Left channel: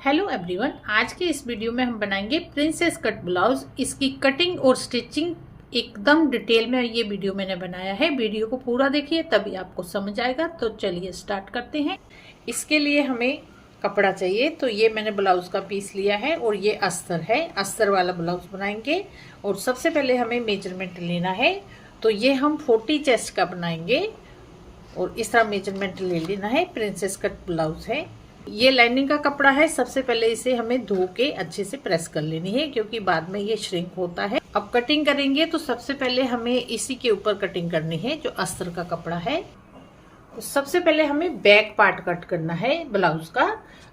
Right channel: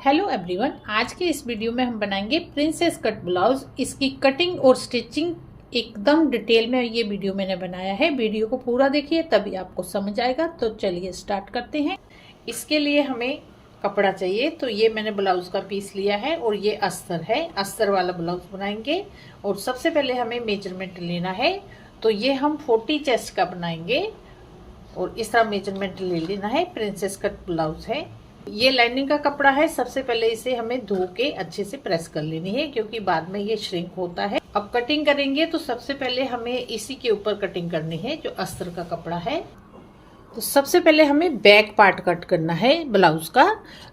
Hello everyone, आज के इस वीडियो में हम बनाएंगे प्रिंसेस कट ब्लाउज। इसकी कटिंग और स्टिचिंग एकदम डिटेल में ये वीडियो मैंने बनाया है। वीडियो को पूरा देखिए तभी आपको समझ आएगा। तो चलिए स्टार्ट करते हैं। इसके लिए हमें कपड़ा चाहिए। तो ये मैंने ब्लाउज का पीस लिया है और ये अस्तर है। अस्तर वाला ब्लाउज बनाएंगे और सबसे पहले हमें मेजरमेंट लेना है। तो ये हम 40 चेस्ट का बनाएंगे और इस तरह मेजरमेंट ले लेना है। प्रिंसेस कट ब्लाउज है। ये लाइनिंग का कपड़ा है। सबसे पहले इसे हमें धो के अच्छे से प्रेस कर लेनी है क्योंकि बाद में ये श्रिंक होता है। अब कटिंग करेंगे तो सबसे पहले हमें इसी के ऊपर कटिंग करनी है जो अस्तर का कपड़ा है। तो सबसे पहले हमें बैक पार्ट कट करना है ब्लाउज का।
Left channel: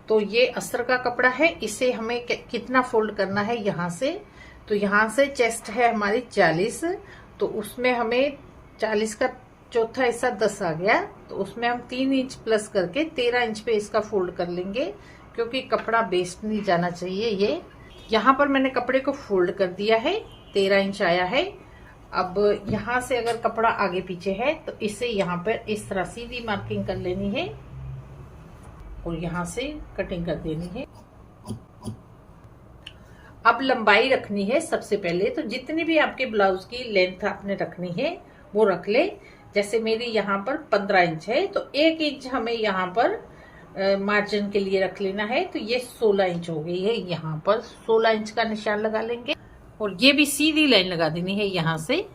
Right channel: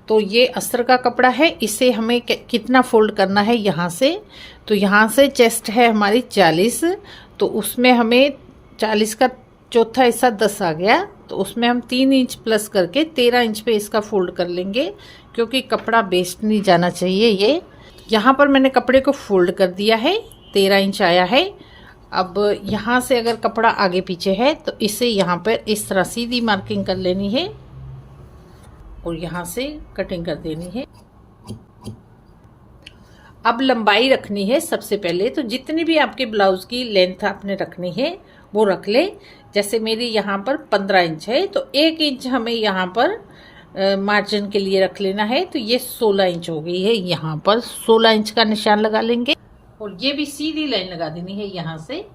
तो ये अस्तर का कपड़ा है, इसे हमें कितना फोल्ड करना है यहाँ से। तो यहाँ से चेस्ट है हमारी 40, तो उसमें हमें 40 का चौथा हिस्सा 10 आ गया। तो उसमें हम 3 इंच प्लस करके 13 इंच पे इसका फोल्ड कर लेंगे क्योंकि कपड़ा वेस्ट नहीं जाना चाहिए। ये यहाँ पर मैंने कपड़े को फोल्ड कर दिया है, 13 इंच आया है। अब यहाँ से अगर कपड़ा आगे पीछे है तो इसे यहाँ पर इस तरह सीधी मार्किंग कर लेनी है और यहाँ से कटिंग कर देनी है। अब लंबाई रखनी है सबसे पहले। तो जितनी भी आपके ब्लाउज की लेंथ आपने रखनी है वो रख ले। जैसे मेरी यहाँ पर 15 इंच है तो 1 इंच हमें यहाँ पर मार्जिन के लिए रख लेना है। तो ये 16 इंच हो गई है। यहाँ पर 16 इंच का निशान लगा लेंगे और ये भी सीधी लाइन लगा देनी है यहाँ से।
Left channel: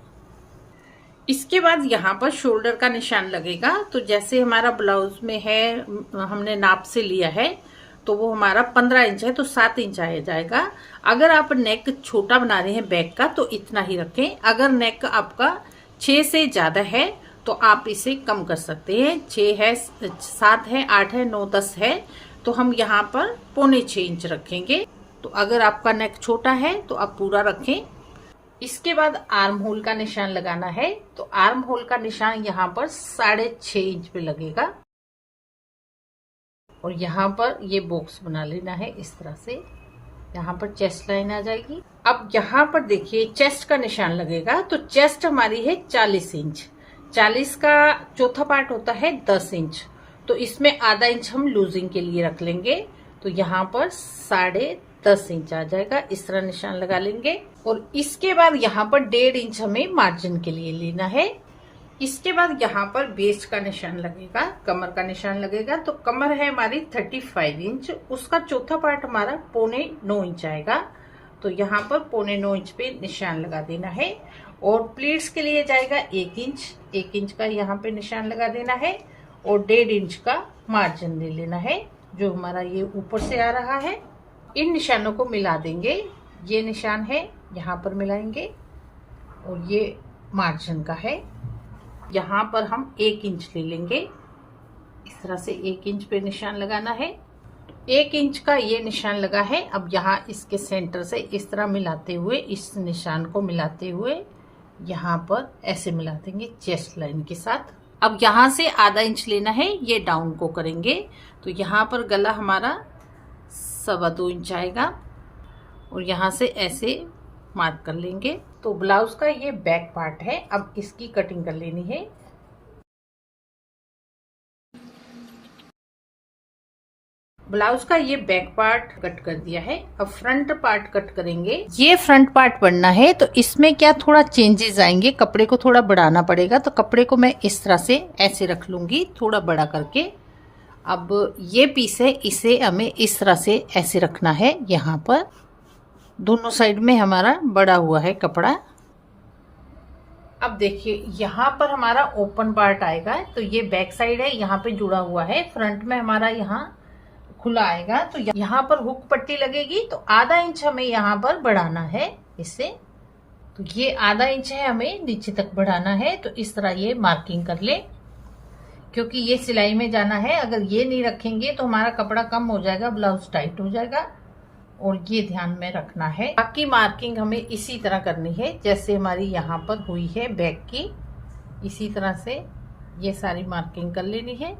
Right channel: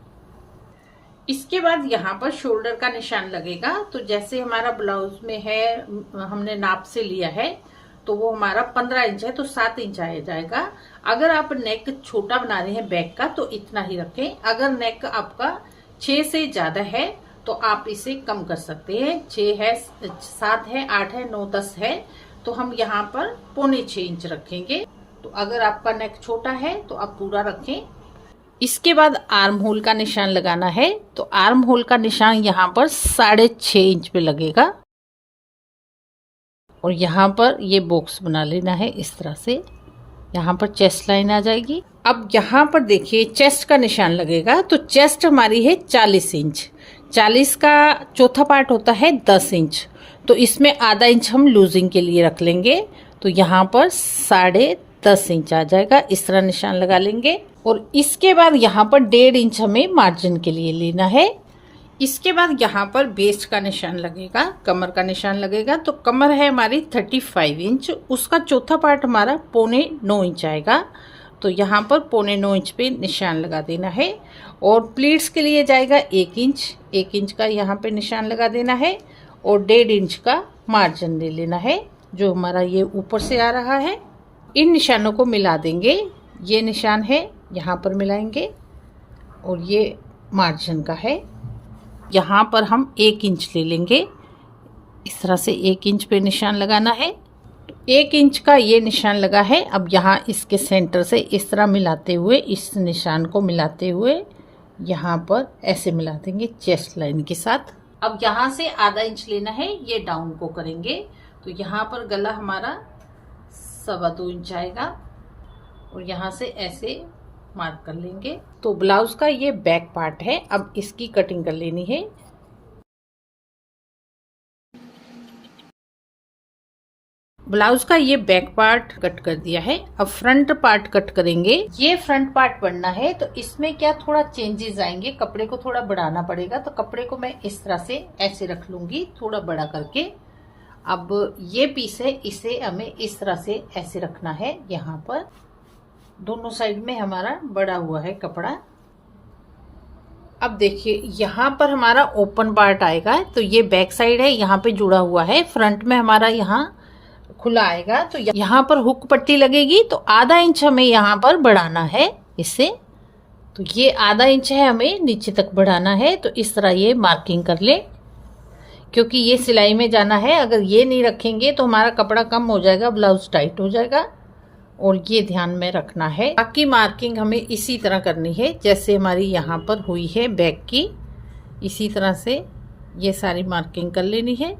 इसके बाद यहाँ पर शोल्डर का निशान लगेगा। तो जैसे हमारा ब्लाउज में है, हमने नाप से लिया है तो वो हमारा 15 इंच है तो 7 इंच आ जाएगा। अगर आप नेक छोटा बना रहे हैं बैक का तो इतना ही रखें। अगर नेक आपका 6 से ज्यादा है तो आप इसे कम कर सकते हैं। 6 है, 7 है, 8 है, 9, 10 है तो हम यहाँ पर 6.25 इंच रखेंगे। तो अगर आपका नेक छोटा है तो आप पूरा रखें। इसके बाद आर्म होल का निशान लगाना है। तो आर्म होल का निशान यहाँ पर 6.5 इंच पे लगेगा और यहाँ पर ये बॉक्स बना लेना है इस तरह से। यहाँ पर चेस्ट लाइन आ जाएगी। अब यहाँ पर देखिए चेस्ट का निशान लगेगा। तो चेस्ट हमारी है 40 इंच। 40 का चौथा पार्ट होता है 10 इंच। तो इसमें आधा इंच हम लूजिंग के लिए रख लेंगे। तो यहाँ पर 10.5 इंच आ जाएगा। इस तरह निशान लगा लेंगे और इसके बाद यहाँ पर 1.5 इंच हमें मार्जिन के लिए लेना है। इसके बाद यहाँ पर बेस्ट का निशान लगेगा, कमर का निशान लगेगा। तो कमर है हमारी 35 इंच, उसका चौथा पार्ट हमारा 9.25 इंच आएगा। तो यहाँ पर 9.25 इंच पे निशान लगा देना है और प्लीट्स के लिए जाएगा 1 इंच। 1 इंच का यहाँ पे निशान लगा देना है और 1.5 इंच का मार्जिन ले लेना है जो हमारा ये ऊपर से आ रहा है। इन निशानों को मिला देंगे। ये निशान है यहाँ पर मिलाएंगे और ये मार्जिन का है। यहाँ पर हम 1 इंच ले लेंगे। इस तरह से 1 इंच पे निशान लगाना है। 1 इंच का ये निशान लगा है। अब यहाँ इसके सेंटर से इस तरह मिलाते हुए, इस निशान को मिलाते हुए यहाँ पर ऐसे मिला देंगे चेस्ट लाइन के साथ। अब यहाँ से आधा इंच लेना है, ये डाउन को करेंगे। तो यहाँ पर गला हमारा 2.25 इंच आएगा और यहाँ से ऐसे मार्क कर लेंगे। तो ब्लाउज का ये बैक पार्ट है। अब इसकी कटिंग कर लेनी है। ब्लाउज का ये बैक पार्ट कट कर दिया है। अब फ्रंट पार्ट कट करेंगे। ये फ्रंट पार्ट बनना है तो इसमें क्या थोड़ा चेंजेस आएंगे। कपड़े को थोड़ा बढ़ाना पड़ेगा। तो कपड़े को मैं इस तरह से ऐसे रख लूंगी, थोड़ा बड़ा करके। अब ये पीस है, इसे हमें इस तरह से ऐसे रखना है। यहाँ पर दोनों साइड में हमारा बड़ा हुआ है कपड़ा। अब देखिए यहाँ पर हमारा ओपन पार्ट आएगा। तो ये बैक साइड है, यहाँ पे जुड़ा हुआ है। फ्रंट में हमारा यहाँ खुला आएगा। तो यहाँ पर हुक पट्टी लगेगी। तो आधा इंच हमें यहाँ पर बढ़ाना है इससे। तो ये आधा इंच है, हमें नीचे तक बढ़ाना है। तो इस तरह ये मार्किंग कर ले क्योंकि ये सिलाई में जाना है। अगर ये नहीं रखेंगे तो हमारा कपड़ा कम हो जाएगा, ब्लाउज टाइट हो जाएगा। और ये ध्यान में रखना है। बाकी मार्किंग हमें इसी तरह करनी है जैसे हमारी यहाँ पर हुई है बैक की। इसी तरह से ये सारी मार्किंग कर लेनी है।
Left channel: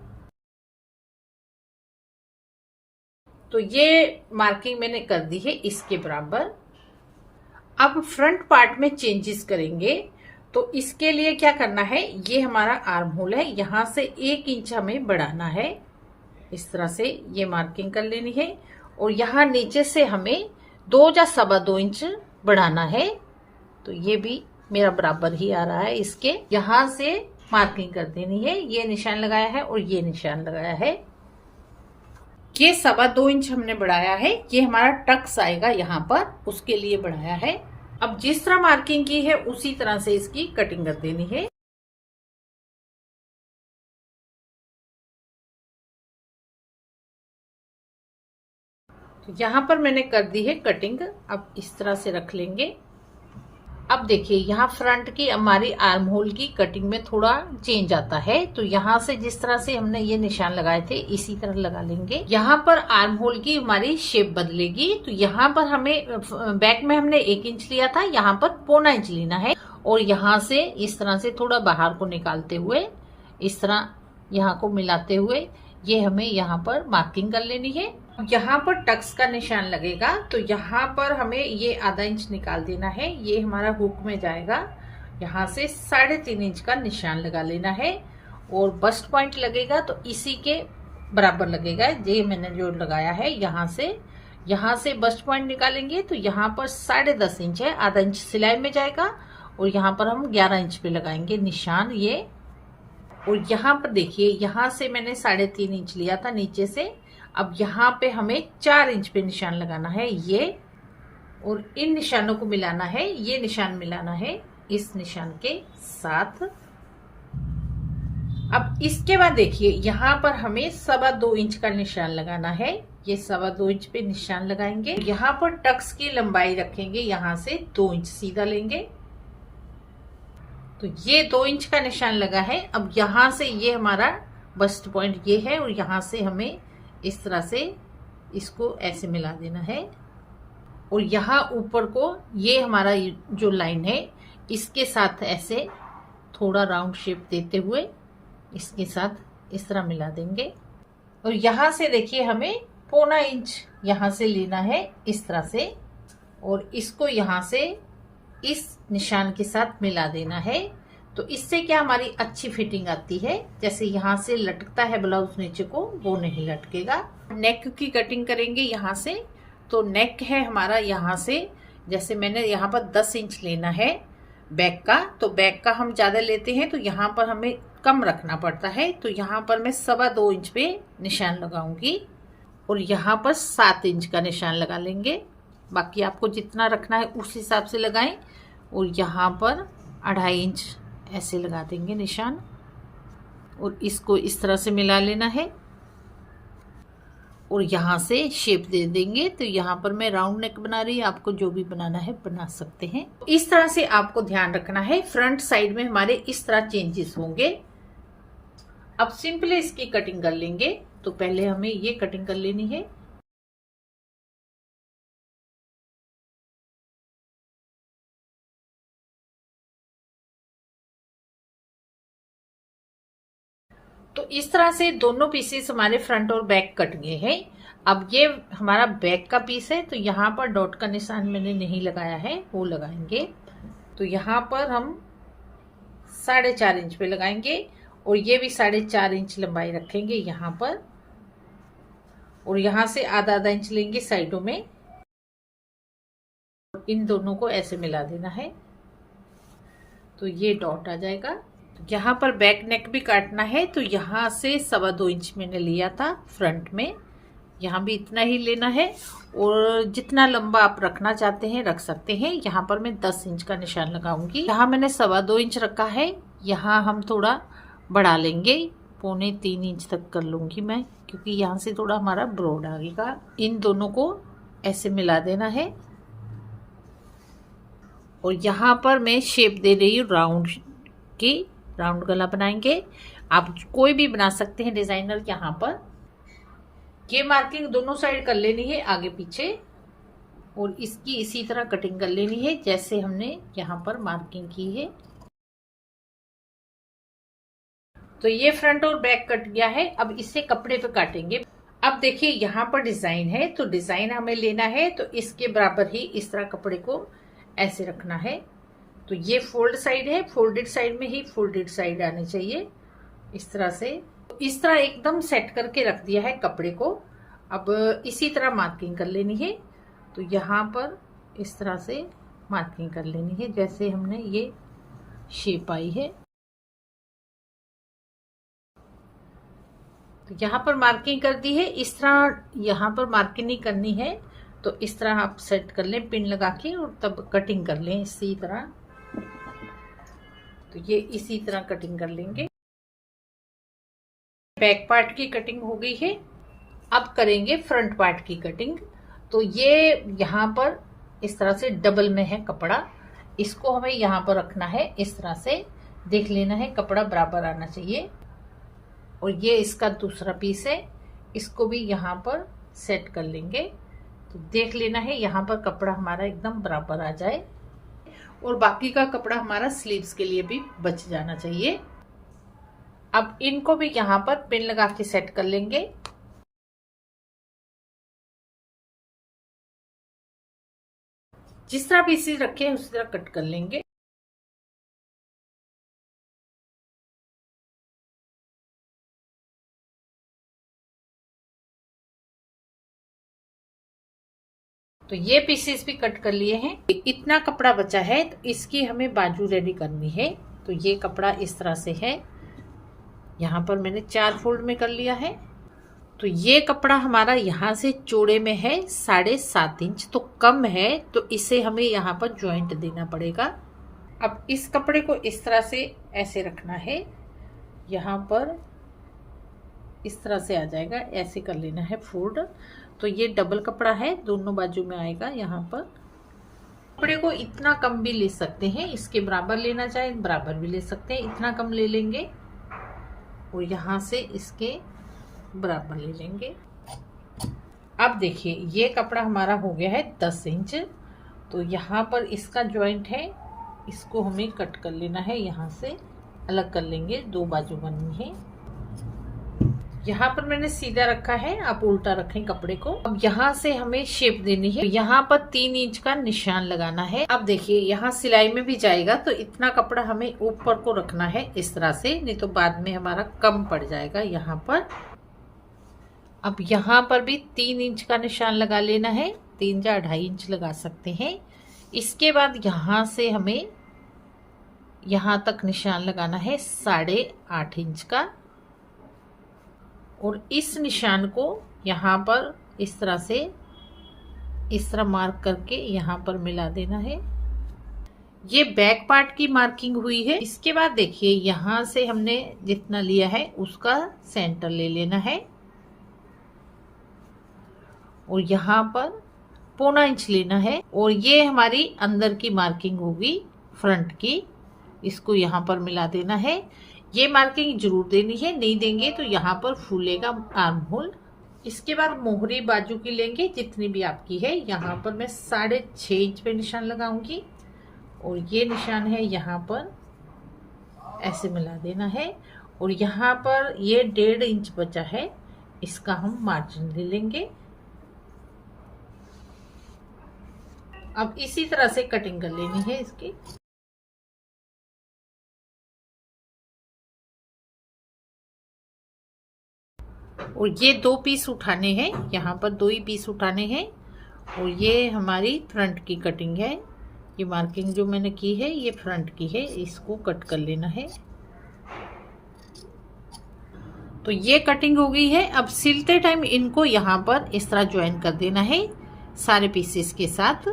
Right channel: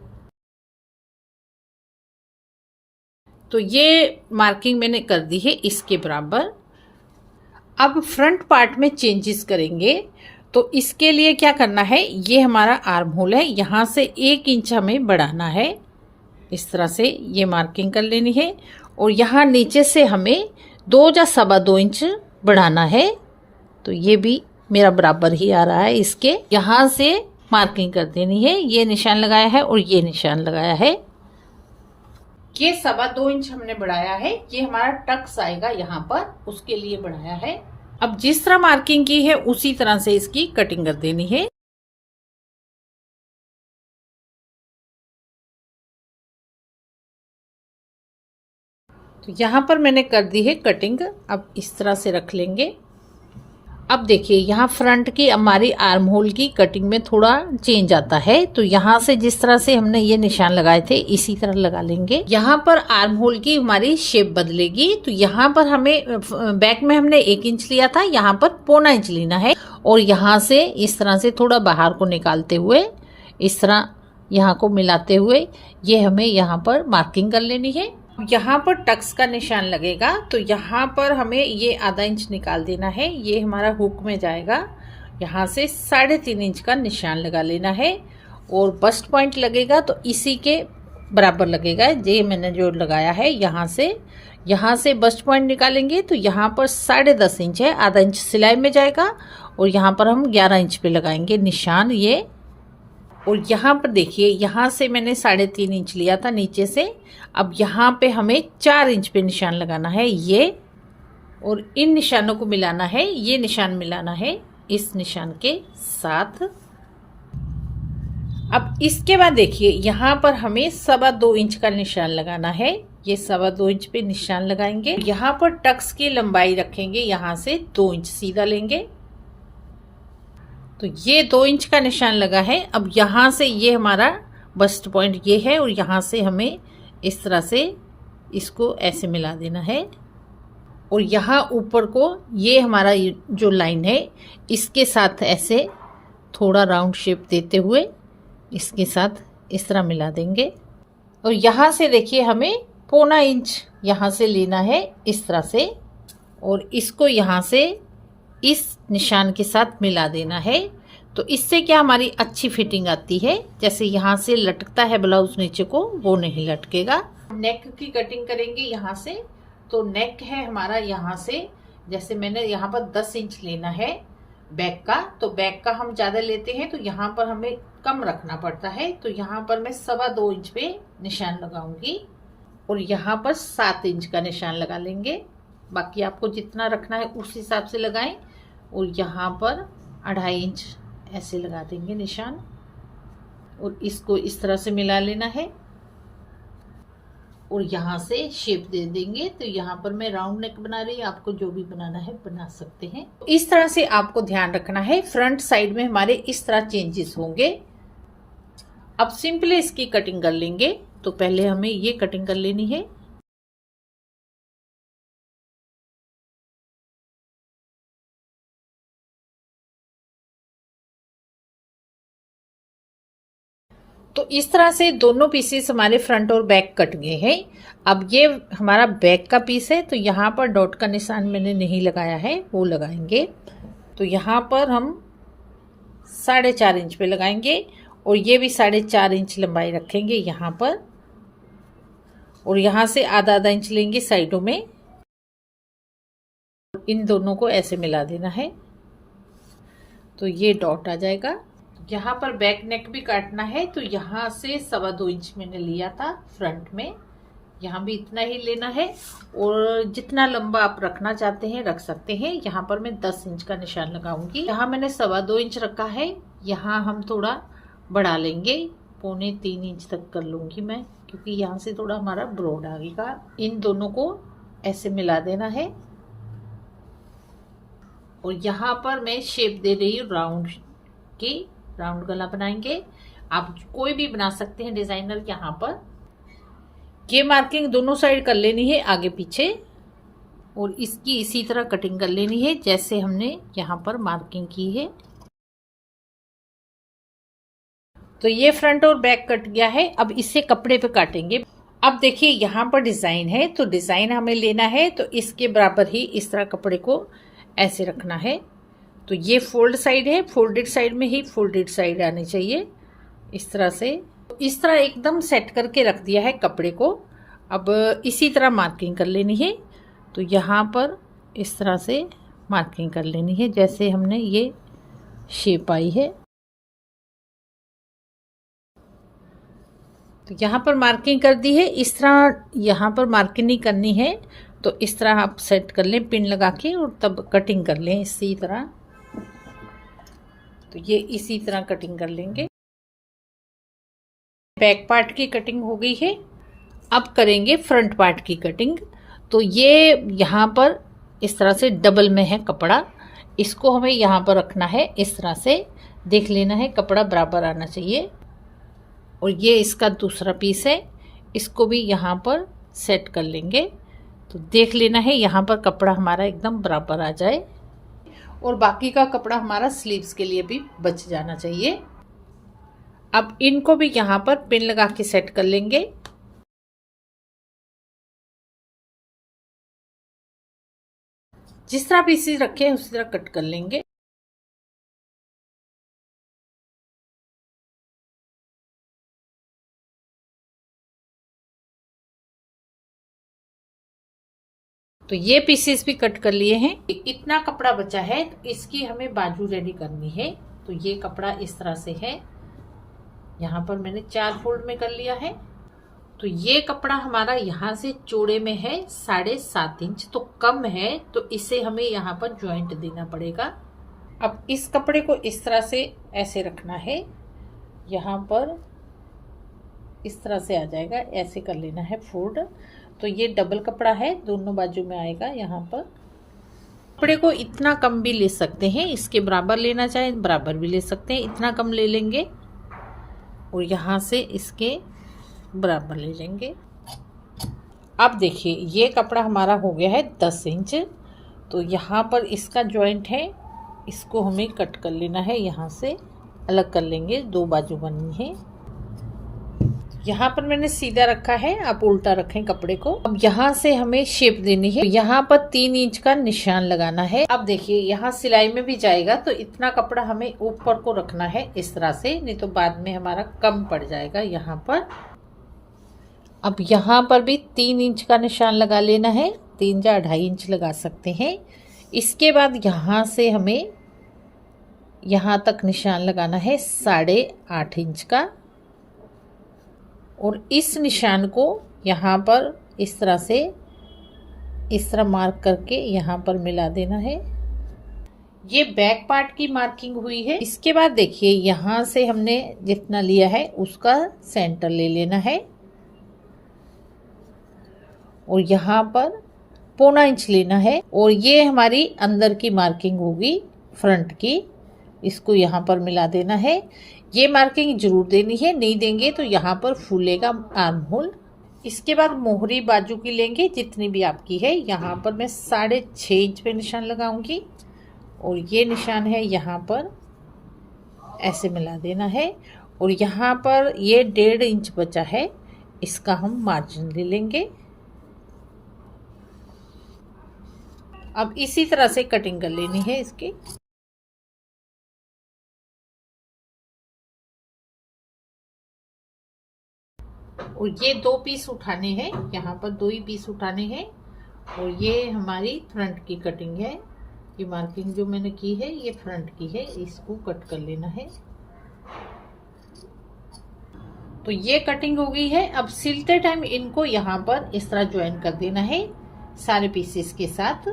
तो ये मार्किंग मैंने कर दी है इसके बराबर। अब फ्रंट पार्ट में चेंजेस करेंगे। तो इसके लिए क्या करना है, ये हमारा आर्म होल है, यहाँ से 1 इंच हमें बढ़ाना है। इस तरह से ये मार्किंग कर लेनी है और यहाँ नीचे से हमें 2 या 2.25 इंच बढ़ाना है। तो ये भी मेरा बराबर ही आ रहा है। इसके यहाँ से मार्किंग कर देनी है। ये निशान लगाया है और ये निशान लगाया है। ये 2.25 इंच हमने बढ़ाया है। ये हमारा टक्स आएगा यहाँ पर, उसके लिए बढ़ाया है। अब जिस तरह मार्किंग की है उसी तरह से इसकी कटिंग कर देनी है। तो यहाँ पर मैंने कर दी है कटिंग। अब इस तरह से रख लेंगे। अब देखिए यहाँ फ्रंट की हमारी आर्म होल की कटिंग में थोड़ा चेंज आता है। तो यहाँ से जिस तरह से हमने ये निशान लगाए थे इसी तरह लगा लेंगे। यहाँ पर आर्म होल की हमारी शेप बदलेगी। तो यहाँ पर हमें बैक में हमने 1 इंच लिया था, यहाँ पर 1.25 इंच लेना है। और यहाँ से इस तरह से थोड़ा बाहर को निकालते हुए इस तरह यहाँ को मिलाते हुए ये हमें यहाँ पर मार्किंग कर लेनी है। यहाँ पर टक्स का निशान लगेगा। तो यहाँ पर हमें ये ½ इंच निकाल देना है। ये हमारा हुक में जाएगा। यहाँ से 3.5 इंच का निशान लगा लेना है। और बस्ट पॉइंट लगेगा तो इसी के बराबर लगेगा। ये मैंने जो लगाया है यहाँ से बस्ट पॉइंट निकालेंगे। तो यहाँ पर 10.5 इंच है, ½ इंच सिलाई में जाएगा। और यहाँ पर हम 11 इंच पे लगाएंगे निशान ये। और यहाँ पर देखिए यहाँ से मैंने 3.5 इंच लिया था नीचे से। अब यहाँ पे हमें 4 इंच पे निशान लगाना है ये। और इन निशानों को मिलाना है। ये निशान मिलाना है इस निशान के साथ। अब इसके बाद देखिए यहाँ पर हमें 2.25 इंच का निशान लगाना है। ये 2.25 इंच पे निशान लगाएंगे। यहाँ पर टक्स की लंबाई रखेंगे, यहाँ से 2 इंच सीधा लेंगे। तो ये 2 इंच का निशान लगा है। अब यहाँ से ये हमारा बस्ट पॉइंट ये है और यहाँ से हमें इस तरह से इसको ऐसे मिला देना है। और यहाँ ऊपर को ये हमारा जो लाइन है इसके साथ ऐसे थोड़ा राउंड शेप देते हुए इसके साथ इस तरह मिला देंगे। और यहाँ से देखिए हमें 1.25 इंच यहाँ से लेना है इस तरह से। और इसको यहाँ से इस निशान के साथ मिला देना है। तो इससे क्या हमारी अच्छी फिटिंग आती है। जैसे यहाँ से लटकता है ब्लाउज नीचे को, वो नहीं लटकेगा। नेक की कटिंग करेंगे यहाँ से। तो नेक है हमारा यहाँ से, जैसे मैंने यहाँ पर 10 इंच लेना है बैक का। तो बैक का हम ज़्यादा लेते हैं तो यहाँ पर हमें कम रखना पड़ता है। तो यहाँ पर मैं 2.25 इंच पे निशान लगाऊंगी। और यहाँ पर 7 इंच का निशान लगा लेंगे। बाकी आपको जितना रखना है उस हिसाब से लगाएं। और यहाँ पर 2.5 इंच ऐसे लगा देंगे निशान। और इसको इस तरह से मिला लेना है। और यहाँ से शेप दे देंगे। तो यहाँ पर मैं राउंड नेक बना रही हूँ, आपको जो भी बनाना है बना सकते हैं। इस तरह से आपको ध्यान रखना है। फ्रंट साइड में हमारे इस तरह चेंजेस होंगे। अब सिंपली इसकी कटिंग कर लेंगे। तो पहले हमें ये कटिंग कर लेनी है। तो इस तरह से दोनों पीसेस हमारे फ्रंट और बैक कट गए हैं। अब ये हमारा बैक का पीस है। तो यहाँ पर डॉट का निशान मैंने नहीं लगाया है, वो लगाएंगे। तो यहाँ पर हम 4.5 इंच पे लगाएंगे। और ये भी 4.5 इंच लंबाई रखेंगे यहाँ पर। और यहाँ से ½ इंच लेंगे साइडों में। इन दोनों को ऐसे मिला देना है। तो ये डॉट आ जाएगा। यहाँ पर बैक नेक भी काटना है। तो यहाँ से 2.25 इंच मैंने लिया था फ्रंट में, यहाँ भी इतना ही लेना है। और जितना लंबा आप रखना चाहते हैं रख सकते हैं। यहाँ पर मैं 10 इंच का निशान लगाऊंगी। यहाँ मैंने 2.25 इंच रखा है। यहाँ हम थोड़ा बढ़ा लेंगे, 2.25-3 इंच तक कर लूंगी मैं, क्योंकि यहाँ से थोड़ा हमारा ब्रॉड आएगा। इन दोनों को ऐसे मिला देना है। और यहाँ पर मैं शेप दे रही हूँ राउंड की। राउंड गला बनाएंगे। आप कोई भी बना सकते हैं डिजाइनर। यहाँ पर ये मार्किंग दोनों साइड कर लेनी है, आगे पीछे। और इसकी इसी तरह कटिंग कर लेनी है जैसे हमने यहाँ पर मार्किंग की है। तो ये फ्रंट और बैक कट गया है। अब इसे कपड़े पे काटेंगे। अब देखिए यहाँ पर डिजाइन है। तो डिजाइन हमें लेना है। तो इसके बराबर ही इस तरह कपड़े को ऐसे रखना है। तो ये फोल्ड साइड है, फोल्डेड साइड में ही फोल्डेड साइड आनी चाहिए इस तरह से। इस तरह एकदम सेट करके रख दिया है कपड़े को। अब इसी तरह मार्किंग कर लेनी है। तो यहाँ पर इस तरह से मार्किंग कर लेनी है जैसे हमने ये शेप आई है। तो यहाँ पर मार्किंग कर दी है। इस तरह यहाँ पर मार्किंग नहीं करनी है, तो इस तरह आप सेट कर लें पिन लगा के और तब कटिंग कर लें इसी तरह। तो ये इसी तरह कटिंग कर लेंगे। बैक पार्ट की कटिंग हो गई है। अब करेंगे फ्रंट पार्ट की कटिंग। तो ये यहाँ पर इस तरह से डबल में है कपड़ा, इसको हमें यहाँ पर रखना है। इस तरह से देख लेना है, कपड़ा बराबर आना चाहिए। और ये इसका दूसरा पीस है, इसको भी यहाँ पर सेट कर लेंगे। तो देख लेना है यहाँ पर कपड़ा हमारा एकदम बराबर आ जाए, और बाकी का कपड़ा हमारा स्लीव्स के लिए भी बच जाना चाहिए। अब इनको भी यहाँ पर पिन लगा के सेट कर लेंगे। जिस तरह पीसेस रखे हैं उसी तरह कट कर लेंगे। तो ये पीसेस भी कट कर लिए हैं। इतना कपड़ा बचा है, तो इसकी हमें बाजू रेडी करनी है। तो ये कपड़ा इस तरह से है, यहाँ पर मैंने 4 फोल्ड में कर लिया है। तो ये कपड़ा हमारा यहाँ से चौड़े में है 7.5 इंच, तो कम है, तो इसे हमें यहाँ पर जॉइंट देना पड़ेगा। अब इस कपड़े को इस तरह से ऐसे रखना है, यहाँ पर इस तरह से आ जाएगा, ऐसे कर लेना है फोल्ड। तो ये डबल कपड़ा है, दोनों बाजू में आएगा। यहाँ पर कपड़े को इतना कम भी ले सकते हैं, इसके बराबर लेना चाहे बराबर भी ले सकते हैं, इतना कम ले लेंगे और यहाँ से इसके बराबर ले लेंगे। अब देखिए ये कपड़ा हमारा हो गया है 10 इंच। तो यहाँ पर इसका जॉइंट है, इसको हमें कट कर लेना है, यहाँ से अलग कर लेंगे, 2 बाजू बननी है। यहाँ पर मैंने सीधा रखा है, आप उल्टा रखें कपड़े को। अब यहाँ से हमें शेप देनी है। यहाँ पर 3 इंच का निशान लगाना है। अब देखिए यहाँ सिलाई में भी जाएगा, तो इतना कपड़ा हमें ऊपर को रखना है इस तरह से, नहीं तो बाद में हमारा कम पड़ जाएगा यहाँ पर। अब यहाँ पर भी 3 इंच का निशान लगा लेना है, 3 या 2.5 इंच लगा सकते हैं। इसके बाद यहाँ से हमें यहाँ तक निशान लगाना है 8.5 इंच का, और इस निशान को यहाँ पर इस तरह से इस तरह मार्क करके यहाँ पर मिला देना है। ये बैक पार्ट की मार्किंग हुई है। इसके बाद देखिए यहाँ से हमने जितना लिया है उसका सेंटर ले लेना है, और यहाँ पर 0.25 इंच लेना है, और ये हमारी अंदर की मार्किंग होगी फ्रंट की, इसको यहाँ पर मिला देना है। ये मार्किंग जरूर देनी है, नहीं देंगे तो यहाँ पर फूलेगा आर्म होल। इसके बाद मोहरी बाजू की लेंगे जितनी भी आपकी है। यहाँ पर मैं 6.5 इंच पे निशान लगाऊंगी, और ये निशान है यहाँ पर ऐसे मिला देना है। और यहाँ पर ये 1.5 इंच बचा है, इसका हम मार्जिन ले लेंगे। अब इसी तरह से कटिंग कर लेनी है इसकी। और ये 2 पीस उठाने हैं, यहाँ पर 2 ही पीस उठाने हैं। और ये हमारी फ्रंट की कटिंग है, ये मार्किंग जो मैंने की है ये फ्रंट की है, इसको कट कर लेना है। तो ये कटिंग हो गई है। अब सिलते टाइम इनको यहाँ पर इस तरह ज्वाइन कर देना है सारे पीसेस के साथ।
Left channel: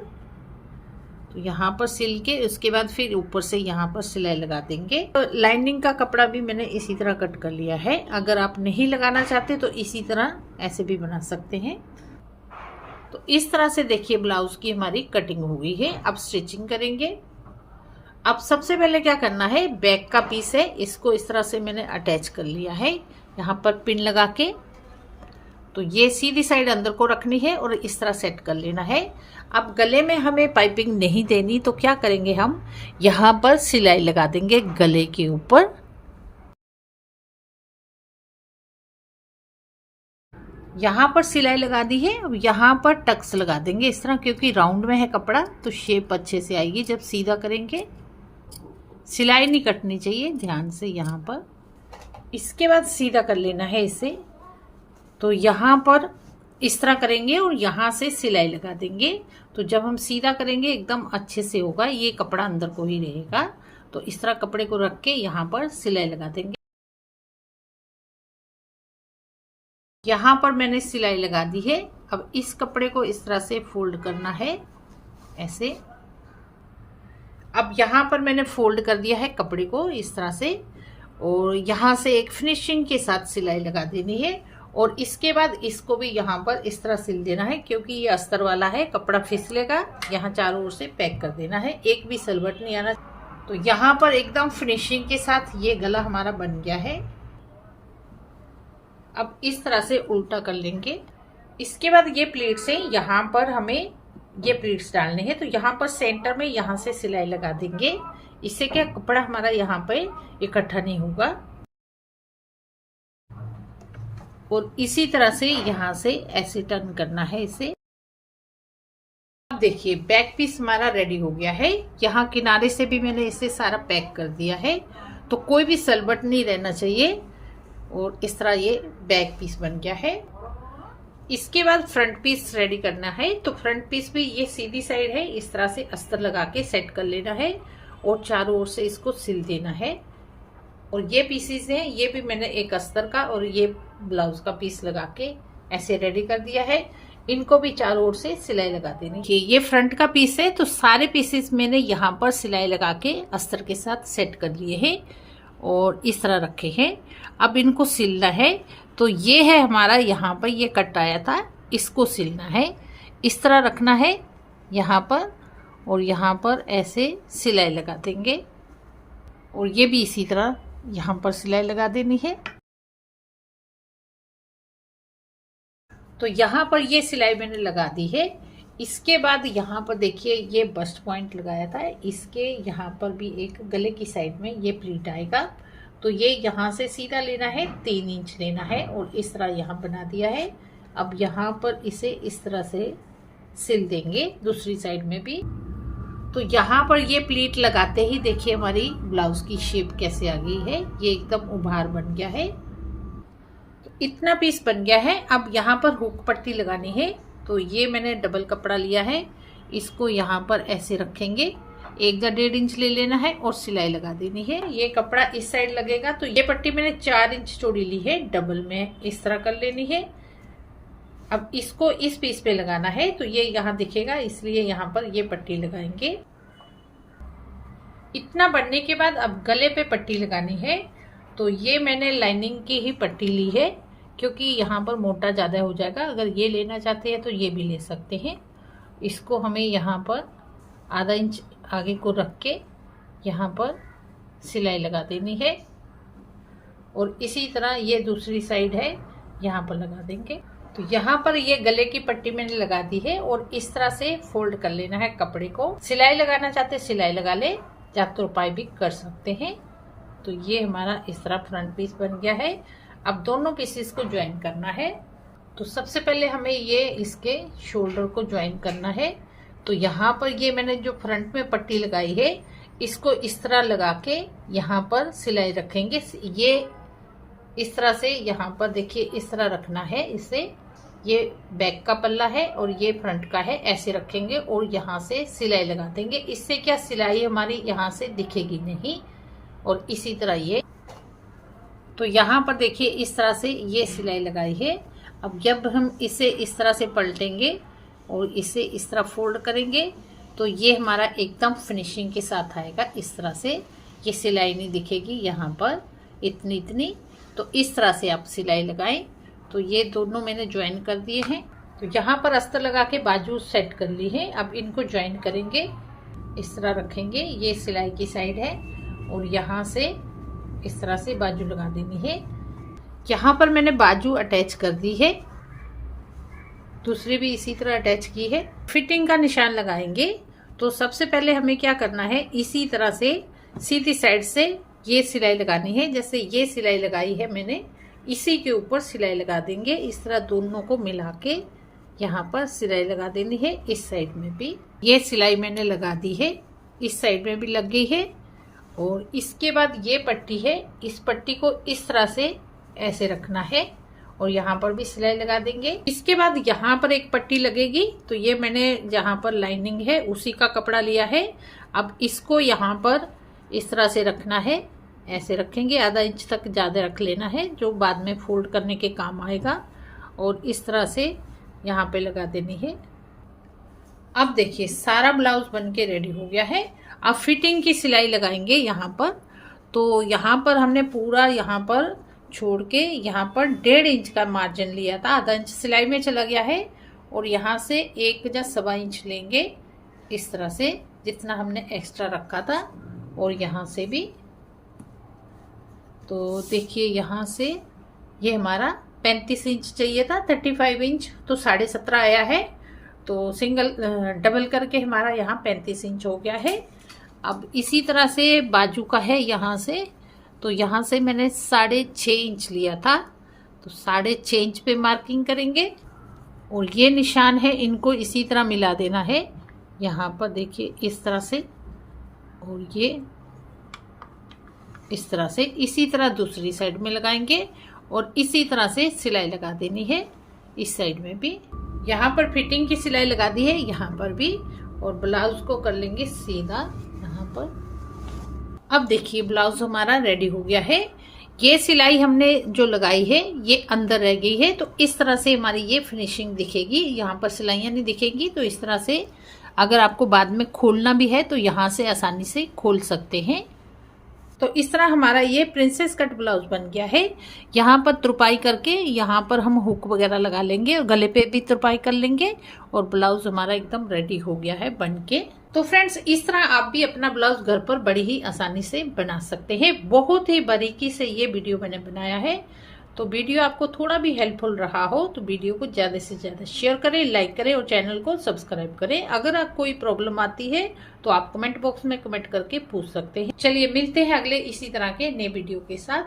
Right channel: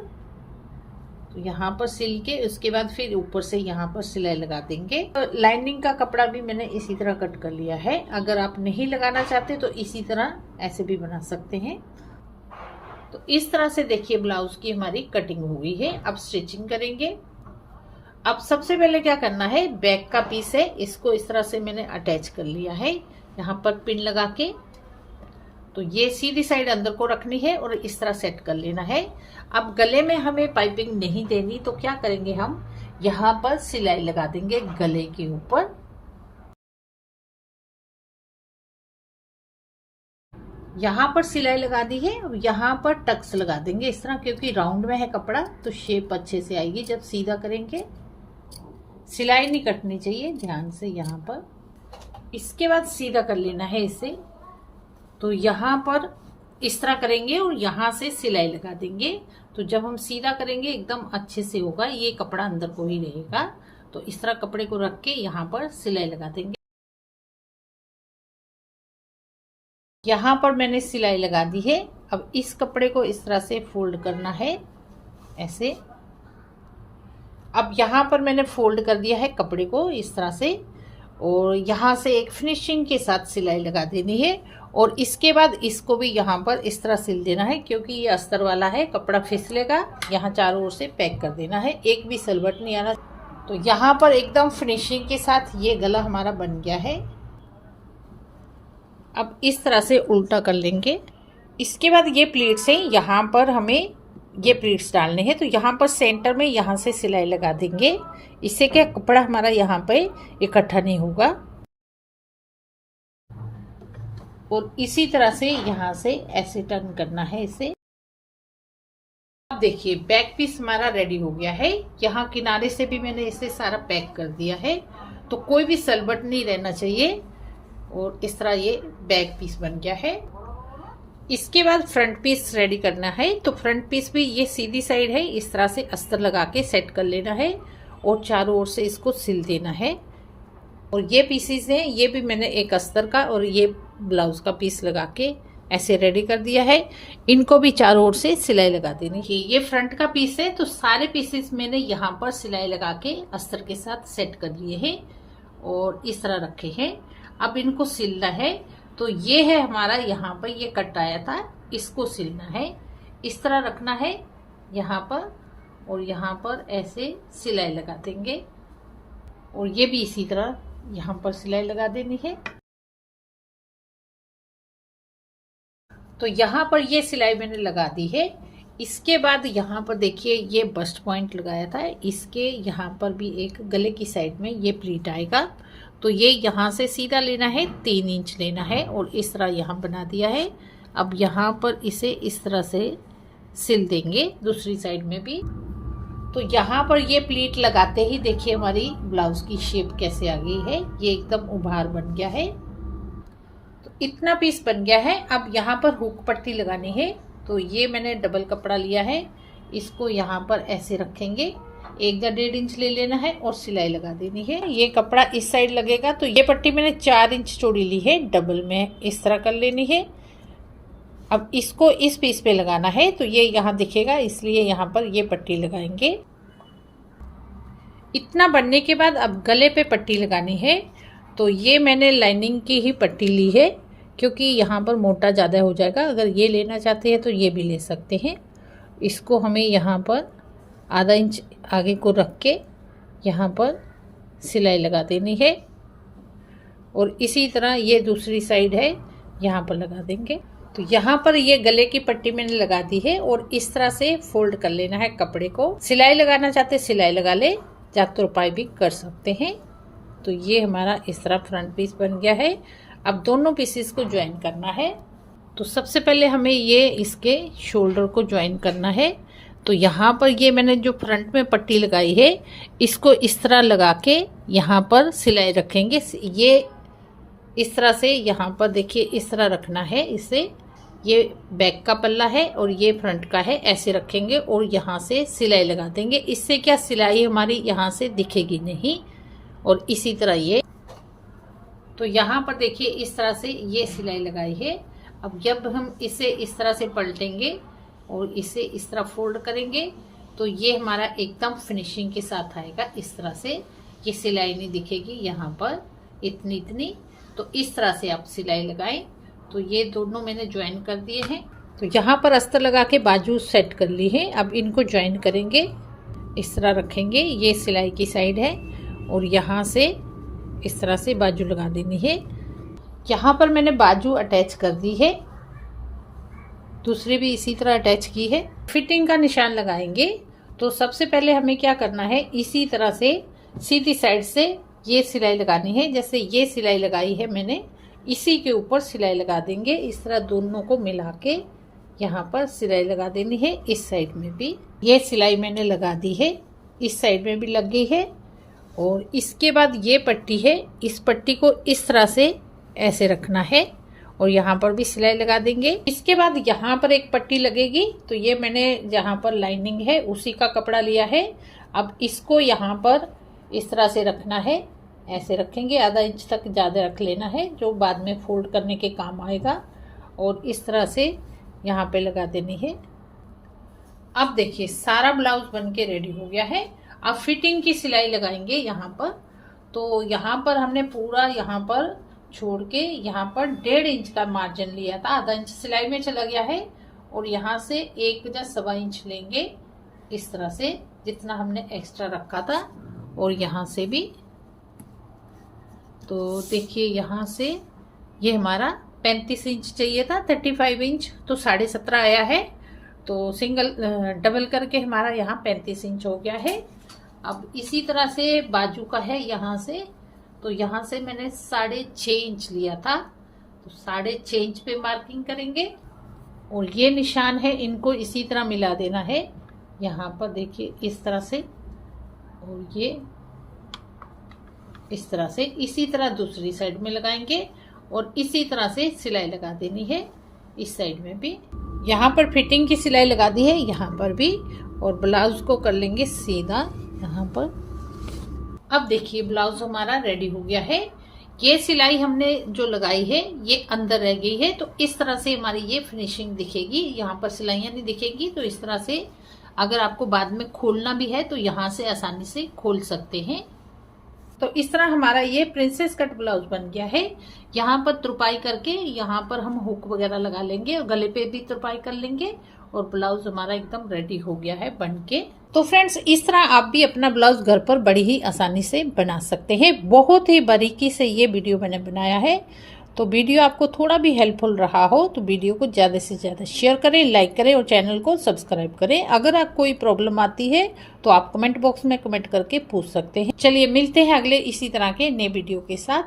तो यहाँ पर सिल के उसके बाद फिर ऊपर से यहाँ पर सिलाई लगा देंगे। तो लाइनिंग का कपड़ा भी मैंने इसी तरह कट कर लिया है। अगर आप नहीं लगाना चाहते तो इसी तरह ऐसे भी बना सकते हैं। तो इस तरह से देखिए ब्लाउज की हमारी कटिंग हो गई है। अब स्टिचिंग करेंगे। अब सबसे पहले क्या करना है, बैक का पीस है इसको इस तरह से मैंने अटैच कर लिया है यहाँ पर पिन लगा के। तो ये सीधी साइड अंदर को रखनी है और इस तरह सेट कर लेना है। अब गले में हमें पाइपिंग नहीं देनी, तो क्या करेंगे, हम यहाँ पर सिलाई लगा देंगे गले के ऊपर। यहाँ पर सिलाई लगा दी है। अब यहाँ पर टक्स लगा देंगे इस तरह, क्योंकि राउंड में है कपड़ा तो शेप अच्छे से आएगी जब सीधा करेंगे। सिलाई नहीं कटनी चाहिए, ध्यान से यहाँ पर। इसके बाद सीधा कर लेना है इसे। तो यहाँ पर इस तरह करेंगे और यहाँ से सिलाई लगा देंगे। तो जब हम सीधा करेंगे एकदम अच्छे से होगा, ये कपड़ा अंदर को ही रहेगा। तो इस तरह कपड़े को रख के यहाँ पर सिलाई लगा देंगे। यहाँ पर मैंने सिलाई लगा दी है। अब इस कपड़े को इस तरह से फोल्ड करना है, ऐसे। अब यहाँ पर मैंने फोल्ड कर दिया है कपड़े को इस तरह से, और यहाँ से एक फिनिशिंग के साथ सिलाई लगा देनी है। और इसके बाद इसको भी यहाँ पर इस तरह सिल देना है, क्योंकि ये अस्तर वाला है, कपड़ा फिसलेगा। यहाँ चारों ओर से पैक कर देना है, एक भी सलवट नहीं आना। तो यहाँ पर एकदम फिनिशिंग के साथ ये गला हमारा बन गया है। अब इस तरह से उल्टा कर लेंगे। इसके बाद ये प्लीट्स हैं, यहाँ पर हमें ये प्लीट्स डालने हैं। तो यहाँ पर सेंटर में यहाँ से सिलाई लगा देंगे। इससे क्या कपड़ा हमारा यहाँ पे इकट्ठा नहीं होगा। और इसी तरह से यहाँ से ऐसे टर्न करना है इसे। अब देखिए बैक पीस हमारा रेडी हो गया है। यहाँ किनारे से भी मैंने इसे सारा पैक कर दिया है, तो कोई भी सलवट नहीं रहना चाहिए। और इस तरह ये बैक पीस बन गया है। इसके बाद फ्रंट पीस रेडी करना है। तो फ्रंट पीस भी ये सीधी साइड है, इस तरह से अस्तर लगा के सेट कर लेना है और चारों ओर से इसको सिल देना है। और ये पीसेस हैं, ये भी मैंने एक अस्तर का और ये ब्लाउज का पीस लगा के ऐसे रेडी कर दिया है। इनको भी चारों ओर से सिलाई लगा देनी है। ये फ्रंट का पीस है, तो सारे पीसेस मैंने यहाँ पर सिलाई लगा के अस्तर के साथ सेट कर लिए हैं और इस तरह रखे हैं। अब इनको सिलना है। तो ये है हमारा, यहाँ पर ये कट आया था, इसको सिलना है। इस तरह रखना है यहाँ पर, और यहाँ पर ऐसे सिलाई लगा देंगे। और ये भी इसी तरह यहाँ पर सिलाई लगा देनी है। तो यहाँ पर ये सिलाई मैंने लगा दी है। इसके बाद यहाँ पर देखिए ये बस्ट पॉइंट लगाया था, इसके यहाँ पर भी एक गले की साइड में ये प्लीट आएगा। तो ये यहाँ से सीधा लेना है, 3 इंच लेना है और इस तरह यहाँ बना दिया है। अब यहाँ पर इसे इस तरह से सिल देंगे दूसरी साइड में भी। तो यहाँ पर ये प्लीट लगाते ही देखिए हमारी ब्लाउज की शेप कैसे आ गई है, ये एकदम उभार बन गया है। तो इतना पीस बन गया है। अब यहाँ पर हुक पट्टी लगानी है। तो ये मैंने डबल कपड़ा लिया है, इसको यहाँ पर ऐसे रखेंगे, 1 या 1.5 इंच ले लेना है और सिलाई लगा देनी है। ये कपड़ा इस साइड लगेगा। तो ये पट्टी मैंने 4 इंच चौड़ी ली है, डबल में इस तरह कर लेनी है। अब इसको इस पीस पे लगाना है, तो ये यहाँ दिखेगा, इसलिए यहाँ पर ये पट्टी लगाएंगे। इतना बनने के बाद अब गले पे पट्टी लगानी है। तो ये मैंने लाइनिंग की ही पट्टी ली है, क्योंकि यहाँ पर मोटा ज़्यादा हो जाएगा। अगर ये लेना चाहते हैं तो ये भी ले सकते हैं। इसको हमें यहाँ पर आधा इंच आगे को रख के यहाँ पर सिलाई लगा देनी है। और इसी तरह ये दूसरी साइड है, यहाँ पर लगा देंगे। तो यहाँ पर ये गले की पट्टी मैंने लगा दी है और इस तरह से फोल्ड कर लेना है कपड़े को। सिलाई लगाना चाहते सिलाई लगा ले, या तुरपाई भी कर सकते हैं। तो ये हमारा इस तरह फ्रंट पीस बन गया है। अब दोनों पीसेस को ज्वाइन करना है। तो सबसे पहले हमें ये इसके शोल्डर को ज्वाइन करना है। तो यहाँ पर ये मैंने जो फ्रंट में पट्टी लगाई है, इसको इस तरह लगा के यहाँ पर सिलाई रखेंगे। ये इस तरह से यहाँ पर देखिए इस तरह रखना है इसे। ये बैक का पल्ला है और ये फ्रंट का है, ऐसे रखेंगे और यहाँ से सिलाई लगा देंगे। इससे क्या सिलाई हमारी यहाँ से दिखेगी नहीं। और इसी तरह ये, तो यहाँ पर देखिए इस तरह से ये सिलाई लगाई है। अब जब हम इसे इस तरह से पलटेंगे और इसे इस तरह फोल्ड करेंगे, तो ये हमारा एकदम फिनिशिंग के साथ आएगा। इस तरह से ये सिलाई नहीं दिखेगी यहाँ पर इतनी इतनी। तो इस तरह से आप सिलाई लगाएं। तो ये दोनों मैंने ज्वाइन कर दिए हैं। तो यहाँ पर अस्तर लगा के बाजू सेट कर ली है। अब इनको ज्वाइन करेंगे, इस तरह रखेंगे। ये सिलाई की साइड है और यहाँ से इस तरह से बाजू लगा देनी है। यहाँ पर मैंने बाजू अटैच कर दी है, दूसरी भी इसी तरह अटैच की है। फिटिंग का निशान लगाएंगे। तो सबसे पहले हमें क्या करना है, इसी तरह से सीधी साइड से ये सिलाई लगानी है। जैसे ये सिलाई लगाई है मैंने, इसी के ऊपर सिलाई लगा देंगे। इस तरह दोनों को मिला के यहाँ पर सिलाई लगा देनी है। इस साइड में भी ये सिलाई मैंने लगा दी है, इस साइड में भी लग गई है। और इसके बाद ये पट्टी है, इस पट्टी को इस तरह से ऐसे रखना है और यहाँ पर भी सिलाई लगा देंगे। इसके बाद यहाँ पर एक पट्टी लगेगी, तो ये मैंने जहाँ पर लाइनिंग है उसी का कपड़ा लिया है। अब इसको यहाँ पर इस तरह से रखना है, ऐसे रखेंगे, आधा इंच तक ज़्यादा रख लेना है जो बाद में फोल्ड करने के काम आएगा। और इस तरह से यहाँ पे लगा देनी है। अब देखिए सारा ब्लाउज बन के रेडी हो गया है। अब फिटिंग की सिलाई लगाएंगे यहाँ पर। तो यहाँ पर हमने पूरा यहाँ पर छोड़ के यहाँ पर 1.5 इंच का मार्जिन लिया था, आधा इंच सिलाई में चला गया है। और यहाँ से 1 या 1.25 इंच लेंगे इस तरह से, जितना हमने एक्स्ट्रा रखा था। और यहाँ से भी, तो देखिए यहाँ से ये हमारा 35 इंच चाहिए था, 35 इंच, तो 17.5 आया है। तो सिंगल डबल करके हमारा यहाँ 35 इंच हो गया है। अब इसी तरह से बाजू का है यहाँ से, तो यहाँ से मैंने 6.5 इंच लिया था, तो 6.5 इंच पे मार्किंग करेंगे। और ये निशान है, इनको इसी तरह मिला देना है यहाँ पर, देखिए इस तरह से। और ये इस तरह से, इसी तरह दूसरी साइड में लगाएंगे और इसी तरह से सिलाई लगा देनी है इस साइड में भी। यहाँ पर फिटिंग की सिलाई लगा दी है यहाँ पर भी। और ब्लाउज को कर लेंगे सीधा यहाँ पर। अब देखिए ब्लाउज हमारा रेडी हो गया है। ये सिलाई हमने जो लगाई है ये अंदर रह गई है, तो इस तरह से हमारी ये फिनिशिंग दिखेगी। यहाँ पर सिलाइयाँ नहीं दिखेगी, तो इस तरह से अगर आपको बाद में खोलना भी है तो यहाँ से आसानी से खोल सकते हैं। तो इस तरह हमारा ये प्रिंसेस कट ब्लाउज बन गया है। यहाँ पर तुरपाई करके यहाँ पर हम हुक वगैरह लगा लेंगे और गले पे भी तुरपाई कर लेंगे और ब्लाउज हमारा एकदम रेडी हो गया है बन के। तो फ्रेंड्स इस तरह आप भी अपना ब्लाउज घर पर बड़ी ही आसानी से बना सकते हैं। बहुत ही बारीकी से ये वीडियो मैंने बनाया है। तो वीडियो आपको थोड़ा भी हेल्पफुल रहा हो तो वीडियो को ज़्यादा से ज़्यादा शेयर करें, लाइक करें और चैनल को सब्सक्राइब करें। अगर आप कोई प्रॉब्लम आती है तो आप कमेंट बॉक्स में कमेंट करके पूछ सकते हैं। चलिए मिलते हैं अगले इसी तरह के नए वीडियो के साथ।